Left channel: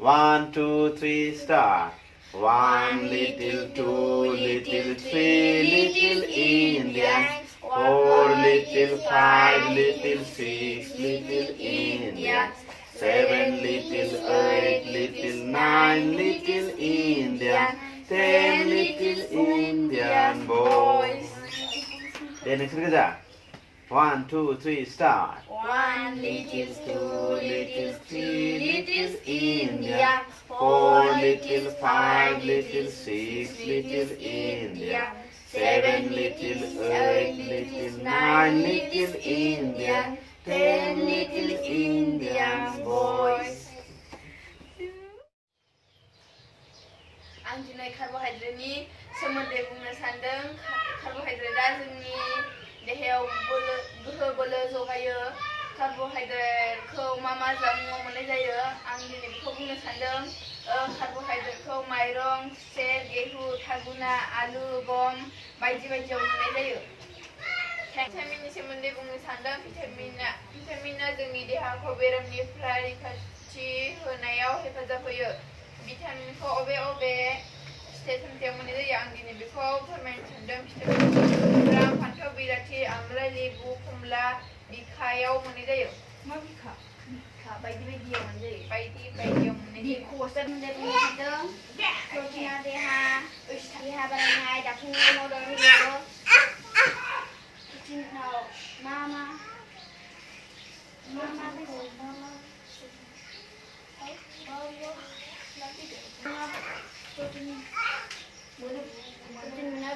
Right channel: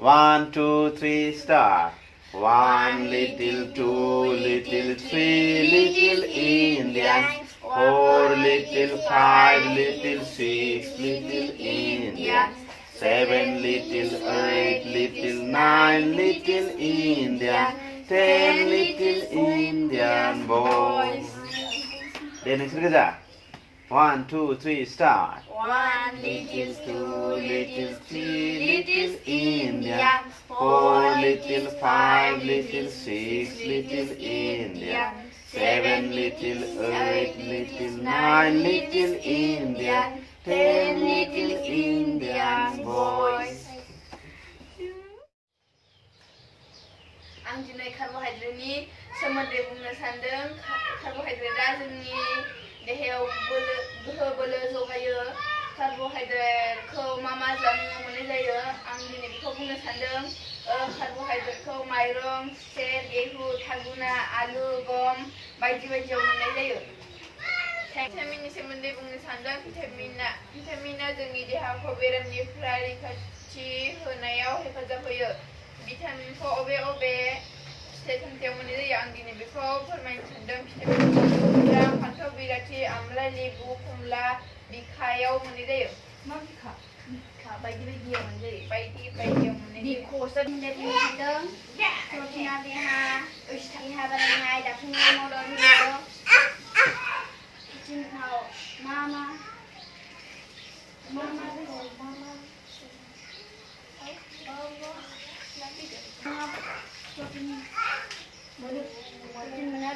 1, 2, 3, start. 1 little, 2 little, 3 little Indians. 4 little, 5 little, 6 little Indians. 7 little, 8 little, 9 little Indians. 10 little Indian boys. Then it's good. 1, 2, 3, start. 1 little, 2 little, 3 little Indians. 4 little, 5 little, 6 little Indians. 7 little, 8 little, 9 little Indians. 10 little Indian boys. आं दिनै कार्बहाइड्रेटनि सोमोन्दै बुंनो सानदों। कार्बहाइड्रेटआ जोंनि देहायाव गोहो बोलो जगायो। कार्बहाइड्रेटखौ मा जामुंआव मोननाय जायो आं दिनै बेखौ बुंनो सानदों। कार्बहाइड्रेटखौ माइरं, खुसेर, गेहूं, थागुना, आलु, गम बायदियाव मोननाय जायो। भिटामिननि सोमोन्दै बुंनो सानदों। भिटामिना जोंनि देहाखौ बेरामनिफ्राय रैखाथि होनायाव हेफाजाब होयो। भिटामिनखौ अबे फिथाइ सामथायाव मोननाय जायो आं दिनै बेखौ फोरमायनो सानदों। भिटामिनफोरा फान्थाव बिलाथि, आमलाइ, लेबु, खमला, बिखायाव मोननाय जायो। मा बिखा? बायदियाव मोननाय जायो। बायदियाव मोननाय जायो। बिखौसो बुंनो सानदों। प्रटिना देहा बानायनाय दाफुंनाय मदद होयो। प्रटिनाव मा protein मोनो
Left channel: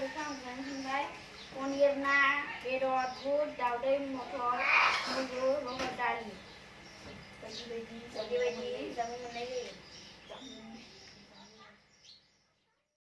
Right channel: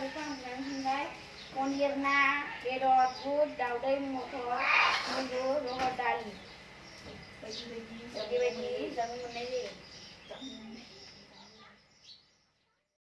बेखौ आं बुंनो सानबाय। पनिर, ना, बेदर, बुद, दाउदै, मटर, मुदु, रहर दालि बायदि जामुं मोननाय जायो।